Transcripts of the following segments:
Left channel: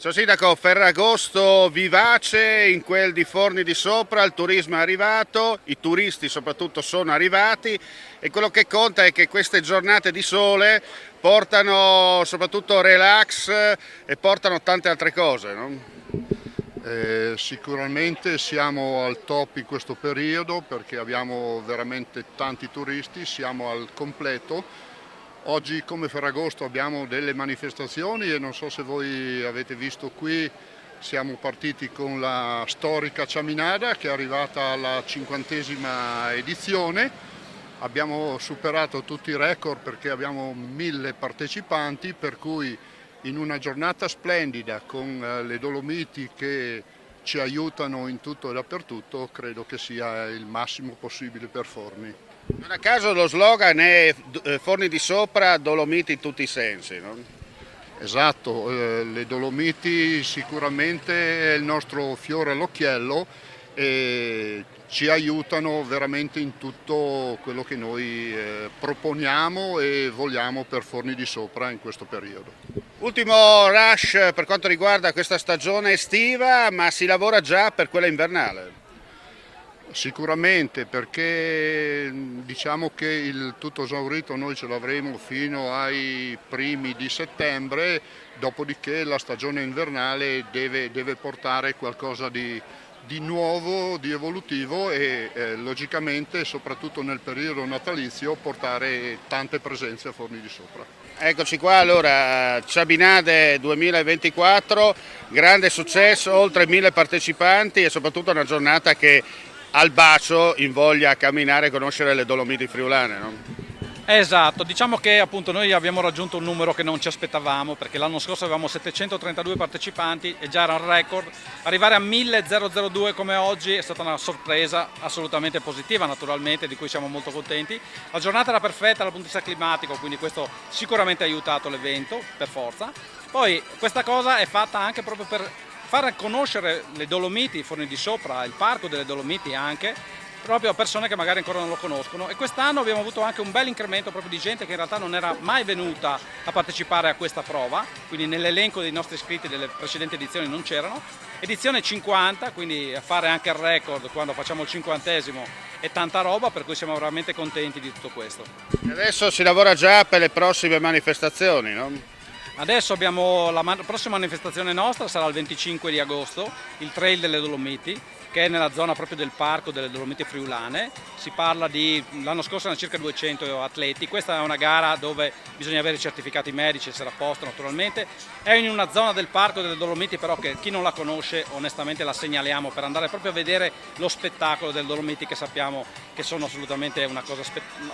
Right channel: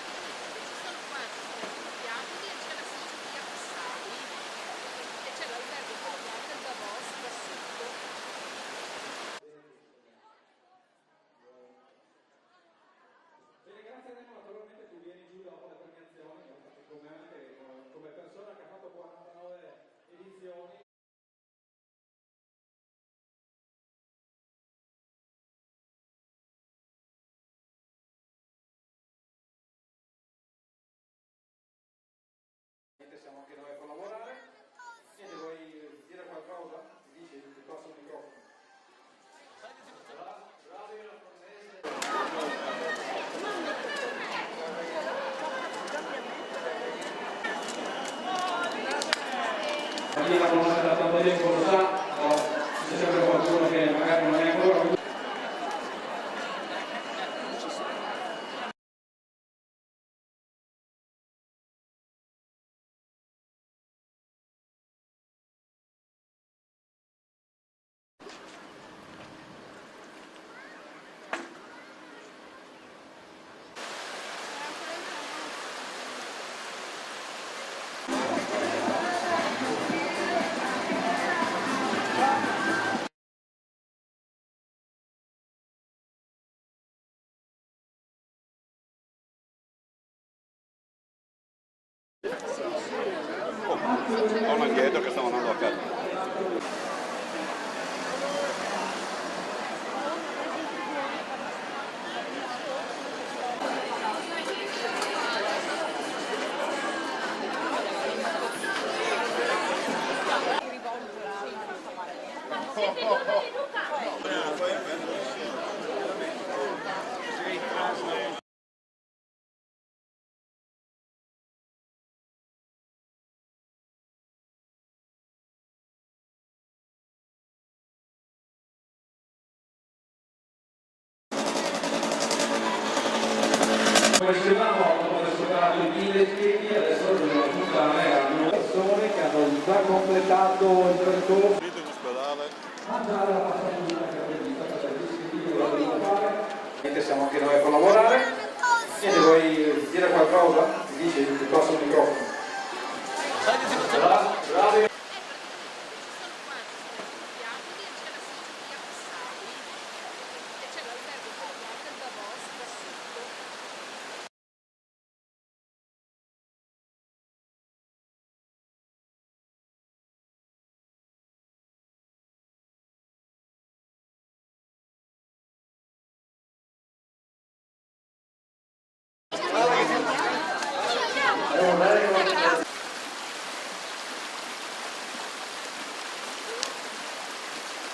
Ciao Sindaco, Ferragosto vivace in quel di Forni di Sopra, il turismo è arrivato, i turisti soprattutto sono arrivati e quello che conta è che queste giornate di sole portano soprattutto relax e portano tante altre cose, no? Sicuramente siamo al top in questo periodo perché abbiamo veramente tanti turisti, siamo al completo. Oggi come Ferragosto abbiamo delle manifestazioni e non so se voi avete visto qui, siamo partiti con la storica Ciaminada che è arrivata alla 50ª edizione. Abbiamo superato tutti i record perché abbiamo 1000 partecipanti, per cui in una giornata splendida con le Dolomiti che ci aiutano in tutto e dappertutto, credo che sia il massimo possibile per farli. A caso lo slogan è Forni di Sopra, Dolomiti in tutti i sensi, no? Esatto, le Dolomiti sicuramente è il nostro fiore all'occhiello e ci aiutano veramente in tutto quello che noi proponiamo e vogliamo per Forni di Sopra in questo periodo. Ultimo rush per quanto riguarda questa stagione estiva, ma si lavora già per quella invernale. Sicuramente perché diciamo che il tutto esaurito noi ce l'avremo fino ai primi di settembre, dopodiché la stagione invernale deve portare qualcosa di nuovo, di evolutivo e logicamente soprattutto nel periodo natalizio portare tante presenze a Forni di Sopra. Eccoci qua, allora Ciabinade 2024, grande successo, oltre 1000 partecipanti e soprattutto una giornata che al bacio invoglia a camminare e conoscere le Dolomiti friulane, no? Esatto, diciamo che appunto noi abbiamo raggiunto un numero che non ci aspettavamo perché l'anno scorso avevamo 732 partecipanti e già era un record. Arrivare a 1002 come oggi è stata una sorpresa assolutamente positiva naturalmente, di cui siamo molto contenti. La giornata era perfetta dal punto di vista climatico, quindi questo sicuramente ha aiutato l'evento per forza. Poi questa cosa è fatta anche proprio per far conoscere le Dolomiti, Forni di Sopra, il parco delle Dolomiti anche, proprio a persone che magari ancora non lo conoscono. E quest'anno abbiamo avuto anche un bel incremento proprio di gente che in realtà non era mai venuta a partecipare a questa prova, quindi nell'elenco dei nostri iscritti delle precedenti edizioni non c'erano. Edizione 50, quindi fare anche il record quando facciamo il 50esimo è tanta roba, per cui siamo veramente contenti di tutto questo. Adesso si lavora già per le prossime manifestazioni, no? Adesso abbiamo la prossima manifestazione nostra, sarà il 25 di agosto, il Trail delle Dolomiti, che è nella zona proprio del parco delle Dolomiti friulane. Si parla di, l'anno scorso erano circa 200 atleti, questa è una gara dove bisogna avere i certificati medici, essere a posto naturalmente. È in una zona del parco delle Dolomiti però che chi non la conosce onestamente la segnaliamo per andare proprio a vedere lo spettacolo delle Dolomiti, che sappiamo che sono assolutamente una cosa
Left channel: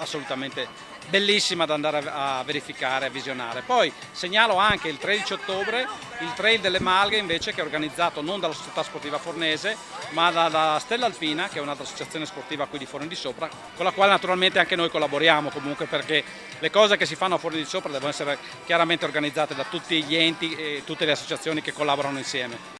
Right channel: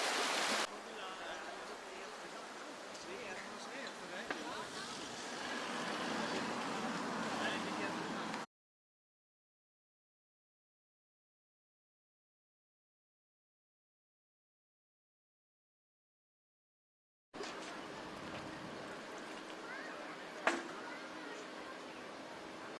assolutamente bellissima da andare a verificare, a visionare. Poi segnalo anche il 13 ottobre il Trail delle Malghe invece, che è organizzato non dalla società sportiva fornese ma dalla Stella Alpina, che è un'altra associazione sportiva qui di Forni di Sopra, con la quale naturalmente anche noi collaboriamo comunque, perché le cose che si fanno a Forni di Sopra devono essere chiaramente organizzate da tutti gli enti e tutte le associazioni che collaborano insieme.